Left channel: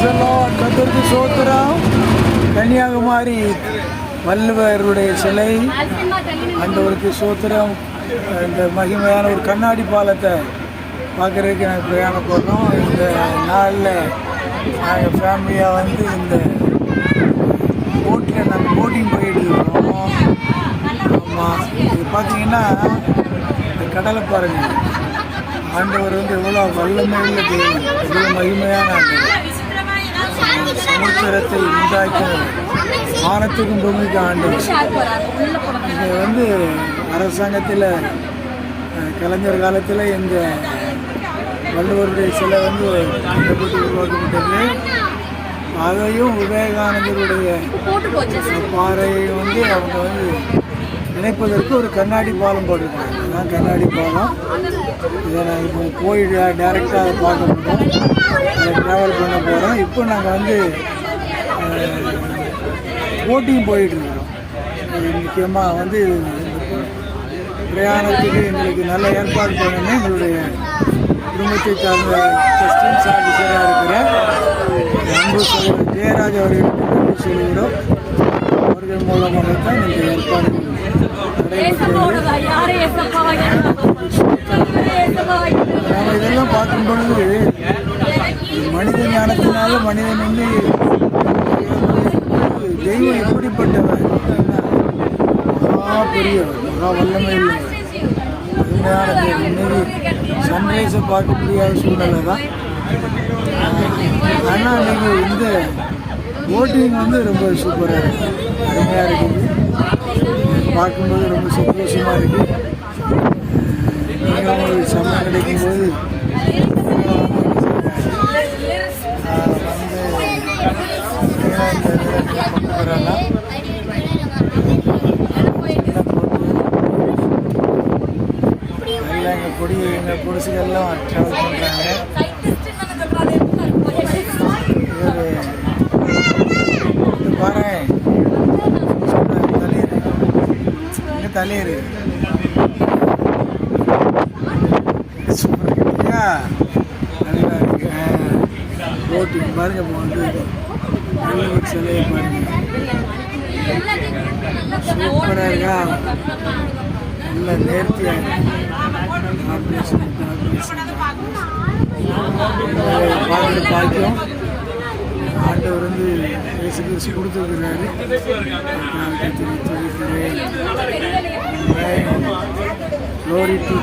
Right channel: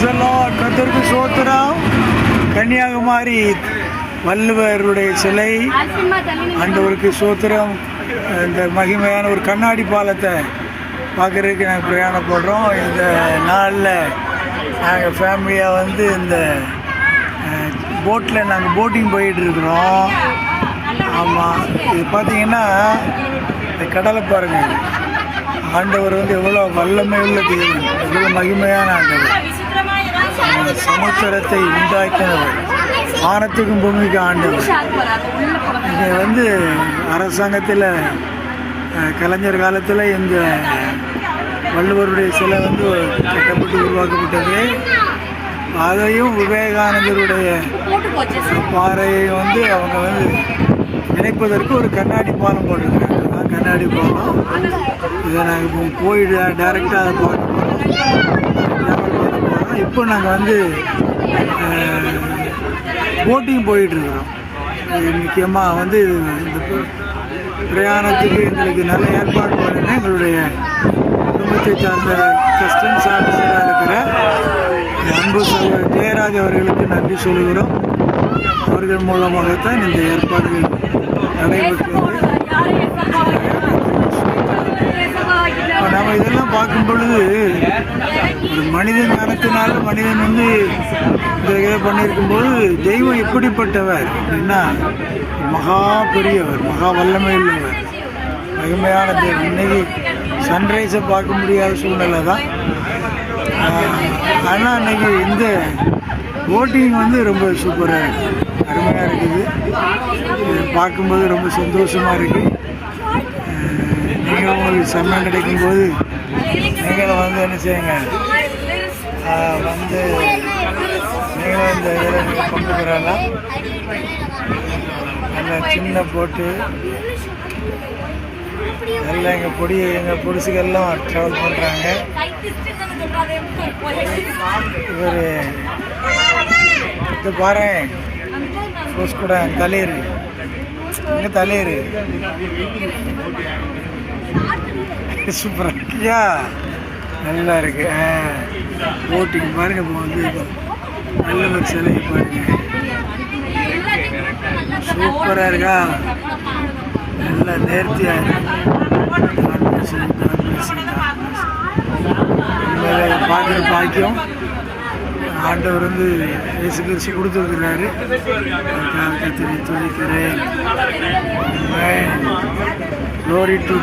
கத்திற்கு சோத்திரம் கன்னியாகுமரி வள்ளுவருடைய சிலை ஆண்டவருக்கு சோத்திரம் இந்த மகிமையான ஒரு கண்ணாடி பாலத்தை பார்க்குறதுக்கு நாங்கள் பிரயாணப்படுறோம். இந்த நாளில் நாங்கள் ஃபேமிலியாக வந்து இந்த போட்டில் நாங்கள் போட்டிங் போயிட்டுருக்குறோம் ஆமாம் இது பார்த்தீங்கன்னா இந்த கடலை பாருங்கள் ஆண்டவர் வந்து எவ்வளோ வல்லமை உள்ள தெய்வம். எவ்வளோ மகிமையான ஆண்டவர். சமுத்திரத்தை உண்டாக்கினவர். வானத்துக்கும் பூமிக்கு ஆண்டவர். இங்கே வந்து அரசாங்கத்தில் கலைஞர் காலத்தில் இந்த வள்ளுவருடைய சிலை வந்து கட்டப்பட்டு உருவாக்கப்பட்டது. அதையும் விவேகானந்தருடைய பாறையை வந்து அவங்க வந்து இணைப்பதற்கு ஒரு கண்ணாடி பாலம் போட்டிருக்காங்க. அதான் கண்ணாடி பாலம். இதை நாங்கள் இப்போ போய் டைரெக்டாக அதை பார்க்க போகிறோம் ட்ராவல் பண்ண போகிறோம் இப்போ நாங்கள் வந்து போட்டிங் போயிட்டுருக்குறோம் இது முக்கியமாக வந்து இந்த பிரயாணத்துக்கு எங்களுக்கு நல்ல ஏற்பாடு பண்ணணும். எங்களுடைய குடும்பத்தை சார்ந்த கஸ்டம்ஸ் ஆஃபீஸராக இருக்கிற அன்பு சகோதரர் ஜெயராஜ் அவர்களுக்கு நன்றி சொல்கிறோம் அவர்கள் மூலமாகத்தான் இந்த ஏற்பாடுகள் நடைபெற்றது. நம்ம இதெல்லாம் பார்க்கும் பொழுது ஒரு மனித ஞானத்தினால மனிதன் வந்து இந்த இதை பண்ணியிருக்கும்போது தெய்வம் எப்படிப்பட்டவர்? என்ன? மகா பெரியவர் மகா வல்லமை உள்ளவர் மகிமையான தெய்வம். இன்னைக்கு சன்ரைஸை பார்க்க முடியாத சூழ்நிலை தான் ஆனால் அன்னைக்கு இந்த போட்டிங் வந்து ரொம்ப சூப்பராக இருக்குது அருமையாக இருக்குது. பார்க்கும்போது ரொம்ப சந்தோஷமாக இருக்குது நீங்களும் உங்களுக்கு சமயம் கிடைக்கும்போது நீங்களும் வந்து என்ன செய்யுங்க? வந்து நீங்களும் இந்த இதில் நீங்கள் கொண்டு வரலாம் சின்ன போட்டு எல்லாம் எங்கள் பொடி எங்கள் பொடிசுகள்லாம் ட்ராவல் பண்ணுறாங்க இவர் இது பாரு சொல்கிறேன் தளிர். இங்கே தளிர். சூப்பராக இருக்கியா நல்லா இருக்கு. போட்டிங் பாருங்க இப்போ வந்து இது. நல்லவர் சிலையை பாருங்க. சூப்பராக இருக்கா? நல்லா நேர்த்தியாக இருக்கு. பார்க்குற பாக்கியம். ஆண்டவர் வந்து இயேசு கிறிஸ்து கொடுத்துருக்கிறாரு. அதுக்காக கத்திரி துதிக்கிறேன். Glory to